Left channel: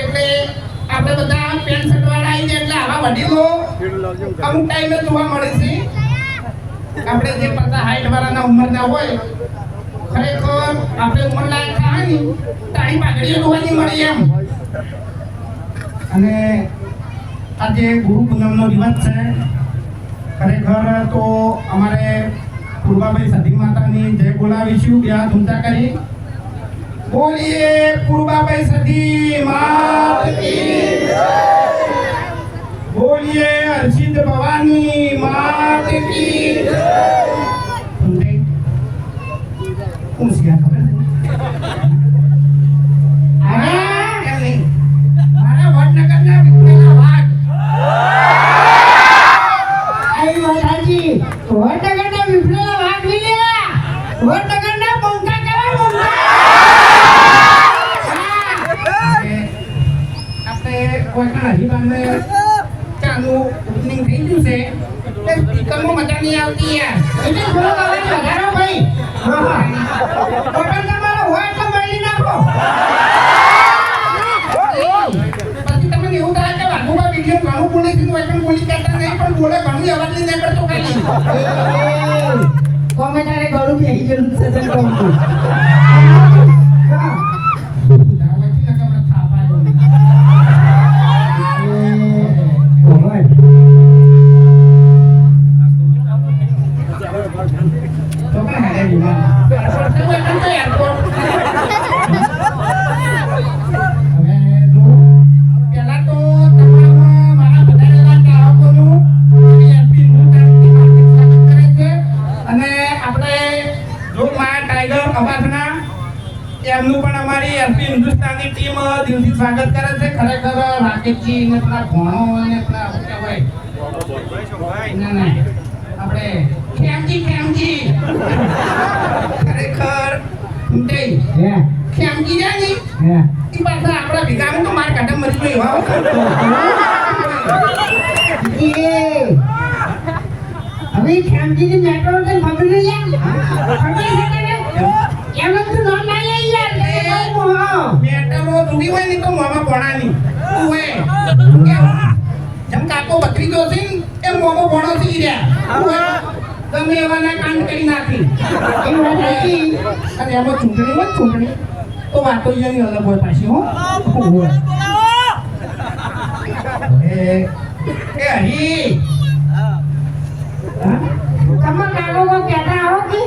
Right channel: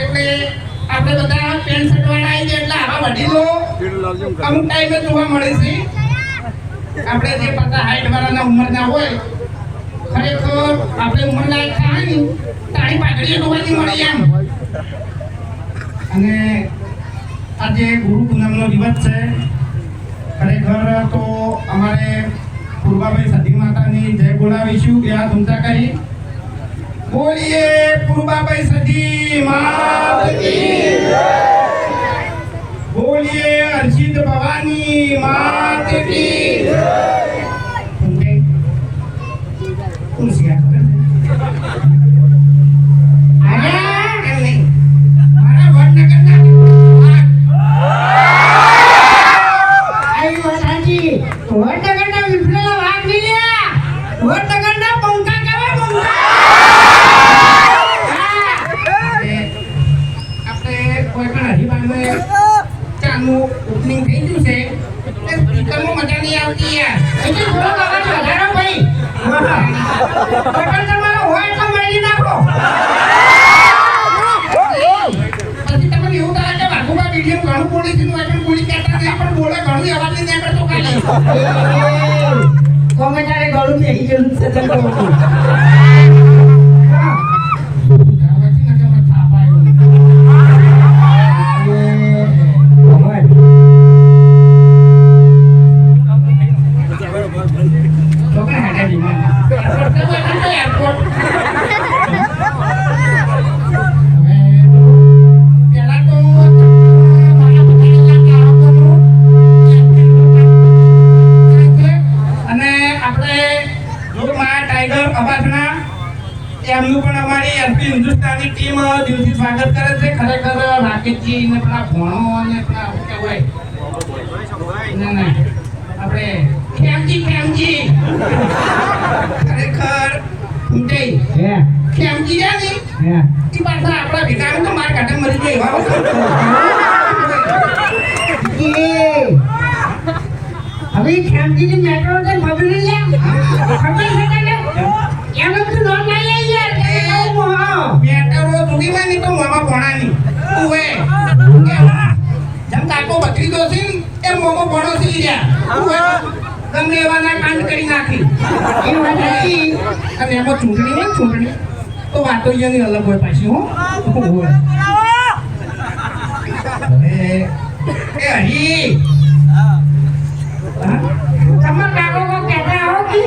એટલે આપણે બધા પેન્ટ શર્ટ વાળા આવી જાય એટલે આવા વડીલો અમુક ટાઈમે જોવા મળે છે. આપણે જે 50-60 વર્ષના ઉંમરના હોય ખરેખર આપણે ઉંમરલાયક થાય ને તારી પાઘડી જોવાની મળી એમ. અને આજે ગુરુ પૂનમનો દિવસ છે. ખરેખર તો અમારે પૂર્વાભાઈ સતી માતાની જય બોલાવીશું. બે હાથ ઊંચા કરી બોલીએ પૂર્વાભાઈ સતી માત કી જય, બોલીએ હર્ષિત ભવાની માત કી જય. ઓપનિંગ થઈ ગયું છે સ્પીકરમાં મજા નહીં આવતી યાર. એટલે થોડો અવાજ વધારો ભાઈ. બટન તમારો હોય એટલે મેળી નાખો. પછી તમને એવું થાય કે બાજુમાં વિડીયો ઘણું બોલી છે પણ બોલી કરતા નહીં પણ બોલે ઘણું અવાજ નહીં નીકળતો ખાલી. કોમેન્ટારે ઘણું બેસી ગયું છે તે કહું છું. એમનું પણ અમારી એસપી હિન્દુસ્તાની ટીમ દિલથી સ્વાગત કરે છે. ખરેખર રાકેશજી ને પેલા ભણો અને પેલા શું કહેવાય ના ના આપણે ખેમજી ખરેખર ખેમજી જાની એ પાછા આપણા ભેગાનું તો માર કાઢે મરી ગઈ. હવે ખેમજીની મેટ્રો તો ખબર નહીં ખબર છે તને એનું તો નામ નહીં યાર. મેટ્રો જોડી હોય ને તો મામા ભણાની ઓએ જમ કાકો બકરી દો છે એ મોમો ભણો છે રહ્યા ઓએ ગમે એવાના કાંડ કરી નાખી એવું નથી. અને એમાં ચૂંટણી તો વાતો જેની અલગ હોય પાછી હો. એ હરી તમે કાકો કો કહેતા હો કે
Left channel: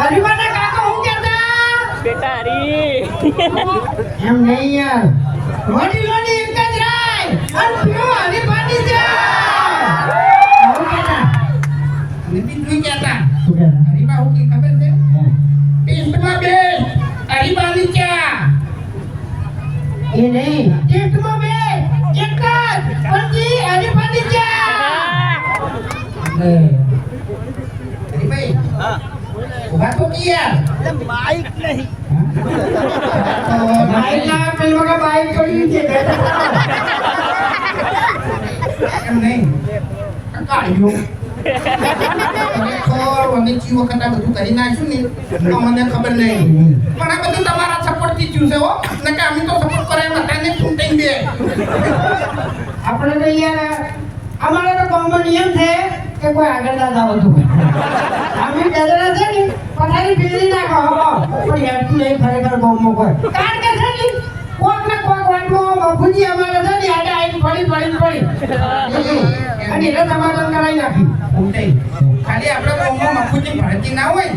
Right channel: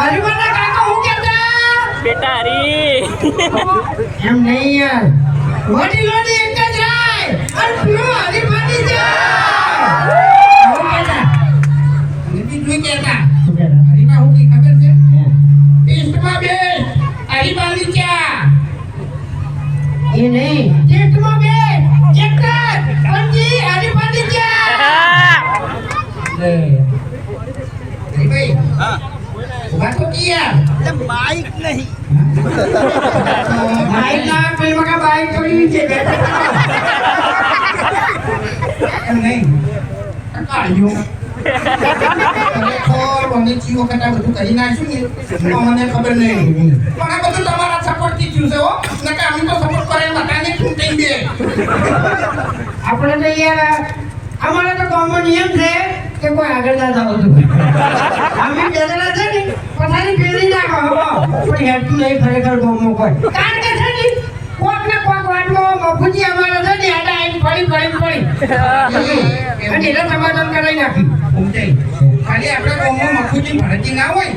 હરીવાના કાકો હું કહેતા બેટા હરી એમ નહીં યાર. વડીલોની એક જ રાય અને પીઓ હરીવાની જાય હું કહેતા બીજું કહેતા હરીબા હું કી ખબર છે ટેસ્ટમાં બે હરીવાની ચા એ નહીં ટેસ્ટમાં બે એક જ પંજી હરીવાની ચા. ભાઈ ઉભા તો કિયા એટલે માઈક નહીં માઈક ના પેલો કે બાઈક પડી છે એમ નહીં કાળ્યો તો મને જી વખત આ બધું કરી નાખ્યું ને મને ખબર નહીં પણ આ બધું તમારા સપોર્ટ થી થયું છે હો નકે અમે તો સપોર્ટ કરે બધાને ચૂંટાઈ દે. આપણે તો યાર અમારો તો ગામનો નિયમ છે કે કોઈ આગળ ના જાવ તો અમે કહેલા છે ને પથારી ફેરી નાખો પણ હેડતું નહીં ખરેખર ગામમાં કોઈ કારણ કે છે ને કોક ને કોક વાટમાં મફુજી અમારે છે ને આટા આઈ પડી અને એને સમાધાન કરાવી નાખી ઉમટે ખાલી આપણે ગામમાં મફુજી ભરતી ના હોય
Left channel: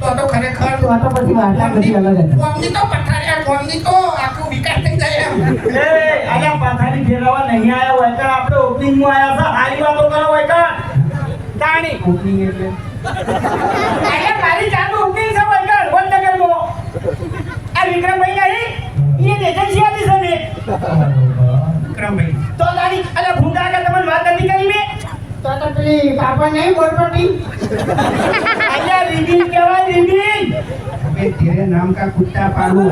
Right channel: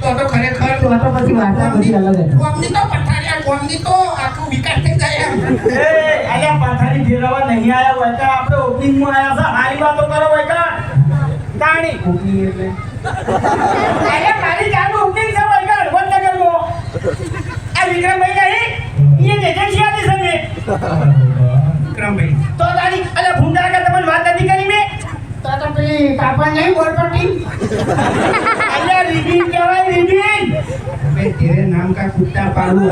તો ખરેખર તો પછી વાટા બધી અલગ હતી. ગામની તો પથારી ગામની તો આખું વિકાસ થઈ જાય એમ. એ આયા પથારી ફેરવા નહીં આયા હોય તો આપણે ઓપનિંગમાં આયા છે હારી વાતો કરો હોય કા તાણી ઓપનિંગ એટલે આયા મારી ચાલુ ઓપનિંગ છે હોય કા વડનગરમાં આ વિક્રમભાઈ નહીં એ એજન્સી આલી છે ને વિક્રમભાઈ તો તારી અલે ભૂંડા કે તમને વાત નથી કરી મે તો પેલી કાપા નહીં બોલપટ્ટી આયા રીબીન કહેવાય રીબીન भाई तेरे नाम का कुत्ता पालू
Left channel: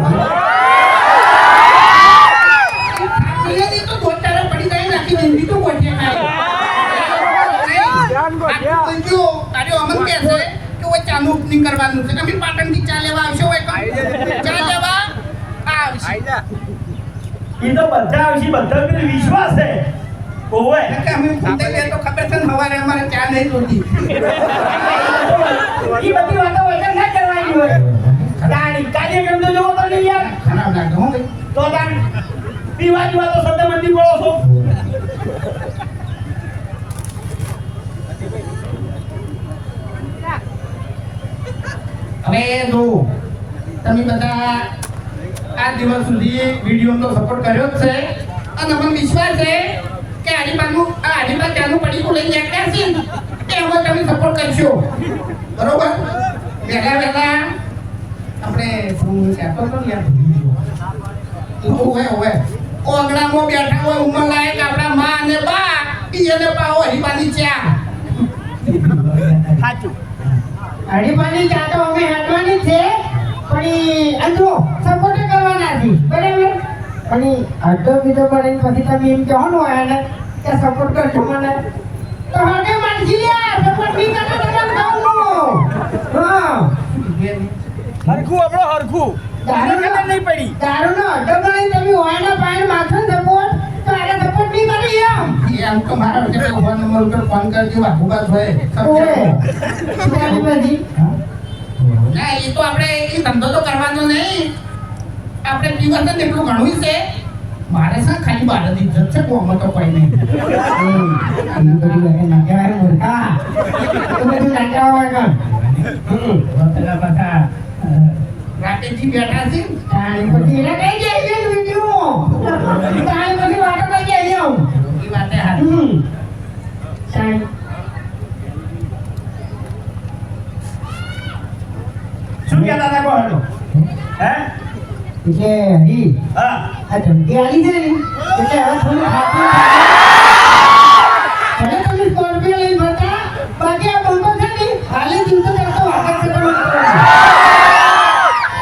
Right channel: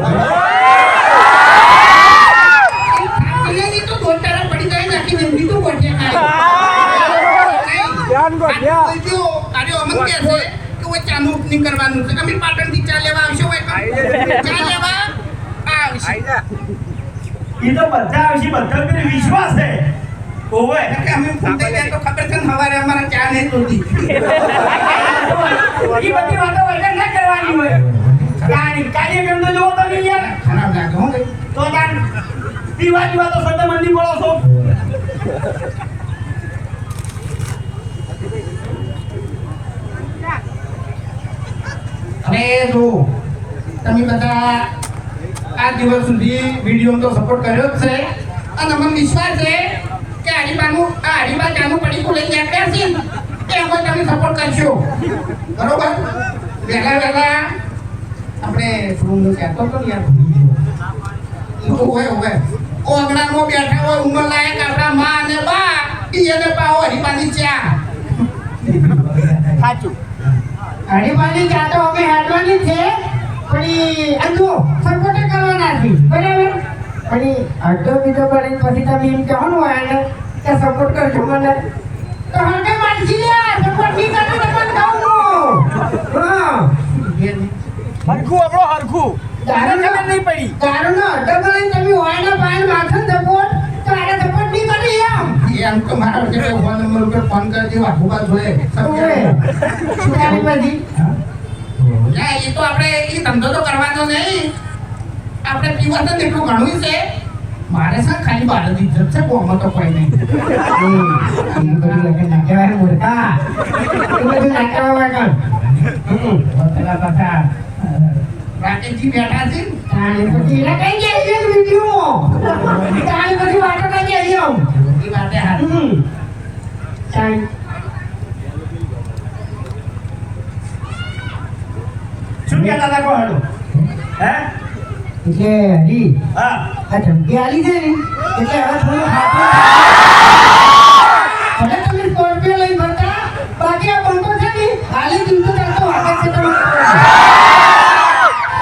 तो दो तरह पड़ी जाए ना कि हिंदी तो बोल जाए जो कार्य अमन कैसे कि वो चालू नहीं करवाना है कभी पाटन की चाल लेवा आवश्यक है चाल लेवा આવશે. એ તો બધા આવશે, બધા પેલી વિશ્વાસ છે ઓવે નકે અમે ફૂંકાઈ જાય તો ખબર છે ને સવારે અમારે ચા નહીં જોતી. એ બધી વાતો વગર ના કરવાની હોય. કાર્યક્રમ તો જોવો તમે યાર. ખરાબ લાગે હો ભાઈ. તો તાન પીવા તો સદા મંદી બોલો છો. હવે જો તમે બધા આ દિવસ સુધી વિડીયોનો સપોર્ટ કર્યો જ છે અને મને વિશ્વાસ છે કે આડીબા ચાનું પડીકું લઈને યાદ કરશે કે હવે તમે સપોર્ટ કરશો બરોબર. વહેલા આપણે શું કહેતો હતો ને યાર ઓવે ઓગણામાં બેઠા હોય ઉંમર લાયક આપણા માં અને બા એને પાવો હરીબાની ચા. સાચું. હરીબાની ચા તો અમે હાટવાની છે પણ અંજો સપોર્ટ કરવાના છે બરાબર. અને અડધો બીજો કરીને પછી તમે એમ કહેવાનું હોય ને કે સપોર્ટ કરજો મને તો હરકે માનસી યાર સપોર્ટ નહીં કરતો તમને કહું. હા હરખું આપણો હરખું તારે ખબર નહીં પડી. દારૂનો અડધો કરીને તમે હોય ને પાણી માખો સપોર્ટ તો આને સપોર્ટ નહીં કરી એમ. એમ તો મારા વચ્ચે ફોન નંબર ઉપર ફોન કરી દેવા ભૂબા જોઈએ તારી બધી ના એ તો આપણે એ ધંધો તો કરવાનો નહીં. આપણે પીવા તો એટલું ઘણું છે મારે શા ખાલી બાર જ ઇજ્જત છે કોમાં તો કોઈ નહીં. પેલા પાછા રાતેજી બેઠા છે એ વાતે હારી. શું કહેતા હતા કહો હડો હે હા આ ધમકી આલી છે ને એટલે હવે થોડું હાથું હવે તમે સ્કોર્પિયો લઈ ફરતા બાકી આ બંકો છે ને હાલી દિવસો કરતો વાગે છે તમે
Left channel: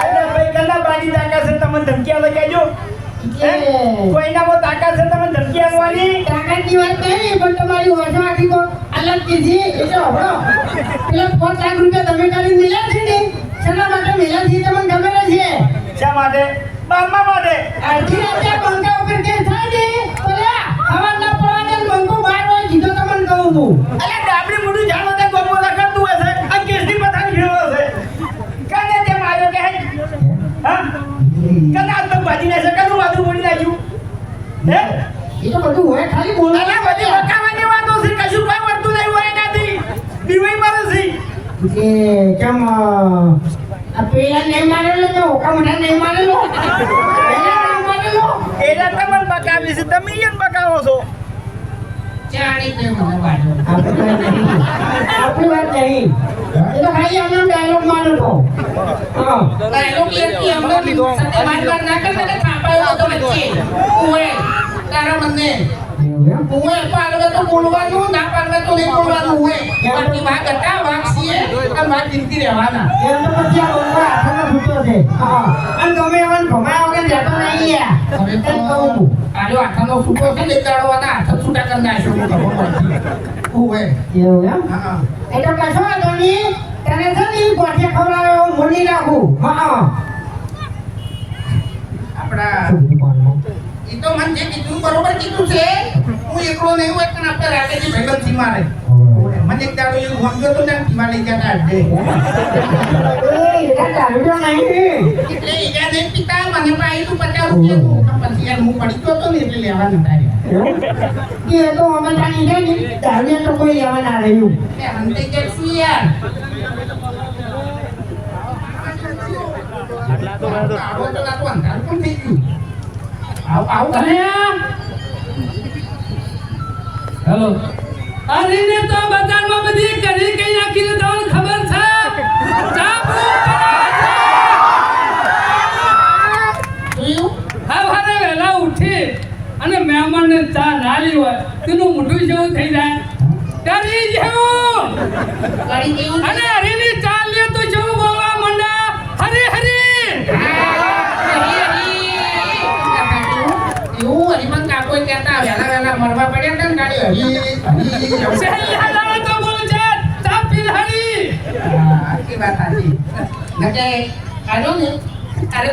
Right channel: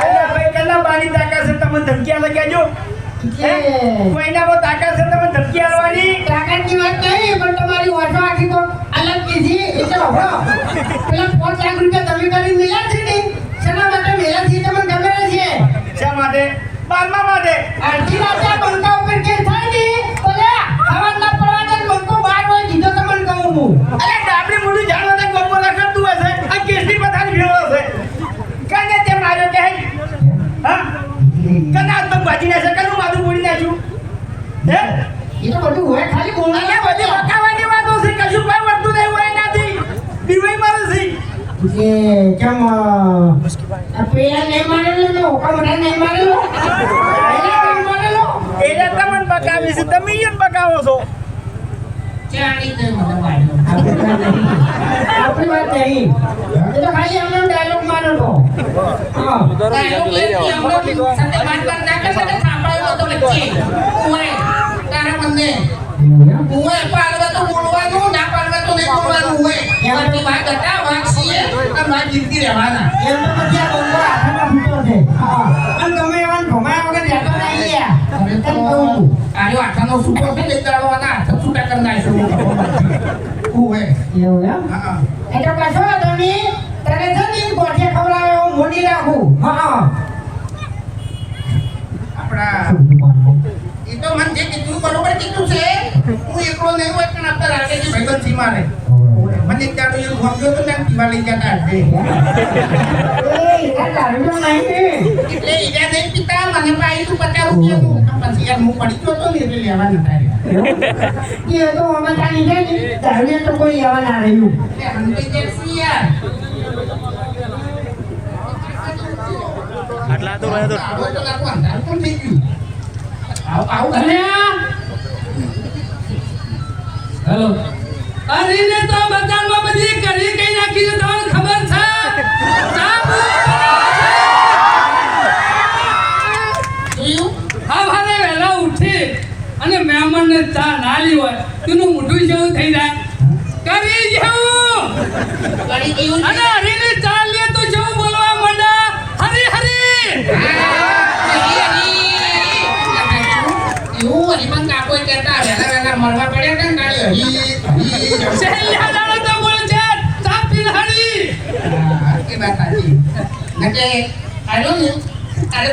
એટલે ભાઈ કેટલા બાની તાકાત છે તમને ધમકી આલે કહેજો. હે? કોઈનામાં તાકાત છે તમને ધમકી આલવાની. તાકાતની વાત નહીં પણ તમારી વાતો આખી તો અલગ કીધી એટલે હવે પેલા 5 લાખ રૂપિયા તમે કરીને મિલ્યા છે ને શેના માટે મિલ્યા છે તમને ખબર જ છે. શા માટે? બારમા માટે. અડધી રાતે આ બંકા ઉપર કેસ થાય ને તો લે હવાના પડવા દે બંકો બહાર હોય કીધો તમને કહું હું. અલે ડાબડી મોઢું જાણવા દે ગોપો લખતું હશે આ કેસની પથારી ભેળો છે. કાને તે માર્યો કે હા કના હાથ પગ ભાજી નાખે કનું માથું બોડી નાખ્યું હે એ તો બધું હોય ખાલી બોલવા અલે બધી વખાવાની વાતો છે કશું કોઈ વર્તું નહીં હોય એનાથી બીવાઈ મારે છે. કે કેમ આ પેલા નહીં માનેલો ને ઓકા મોટા નહીં માનેલો પેલા નહીં માનેલો એલા તમને બકાવી છે તમે ઈયન બકાવો છો. ચાણી કે મને વાળ્યો. આપણી વાત નહીં એ તો ખાલી અમને ડાયલોગ મારો તો હા ડાયલોગ લેતી હમણાં સાથે મારવા ના કરે કે થાપાયો તો વચ્ચે ઓએ તારા મને ઓએ પાડવે તો બોલવાનું ના પાડવે તો નહીં બોલવાનું હોય. બાકી વાત હતા વાત છીએ અને વાત જીતતી રહેવાના. એમ તો પછી આ બંકો હાથમાં છૂટો છે હા અને તમે એવાને ભમાયા વગર રહેતો નહીં યાર હવે તો આર્યો આઠાનો છૂટો છે ને દાડવાના હાથ છૂટા કરી નાખ્યો ઓએ. એવું એમ હા એ તો કશો વાંધો નહીં તને છે ને ગોઠે ખવડાવે એવું મૂડી રાખું હા આપણા એ તો મને જે કીધું બરોબર કીધું છે. હું એકલો નહીં હોય પણ આપણે રાકેશજી ભાઈબંધ થી મારે મને એક દાડો એવું સમજો તો ને પીવા લઈ જતા હશે એ દારૂ નહીં એટલે ઈરા નહીં પીતા મને પાઈ તું 50 રૂપિયાનું તો પછી યાર હું પડી ગયો તો ને એટલે લેવા નતા એ તો અમે જાણી છે ને દારૂ તો કોઈ લેવા ના રહ્યું રહ્યા મને કઈ જાય શું યાર આટલા તો ભાઈ તો આવો તો નાખો અંધારું પણ થઈ ગયું આવું કરે હેલો અરે ને તો બજારમાં બધી કરી કઈ નાખી ને તમને ખબર છે ચા જોયું સવારે વહેલા ઉઠી અને મહેમાનને ચા ના લી હોય તેનું મોઢું જેવું થઈ જાય કરી જેવું ગાડી કેવું અને હરીને ચા લે તો જેવું બોલવા માંડ્યા હરી હરી એવું હરીમાં કાકોય કહેતા વહેલા વહેલા મરવા પડ્યા હતા ને ગાડી હરી છેલ્લા દાડે તો બોલે છે ચા પી હરી એ વાત સાચી નકે આજો ને અરે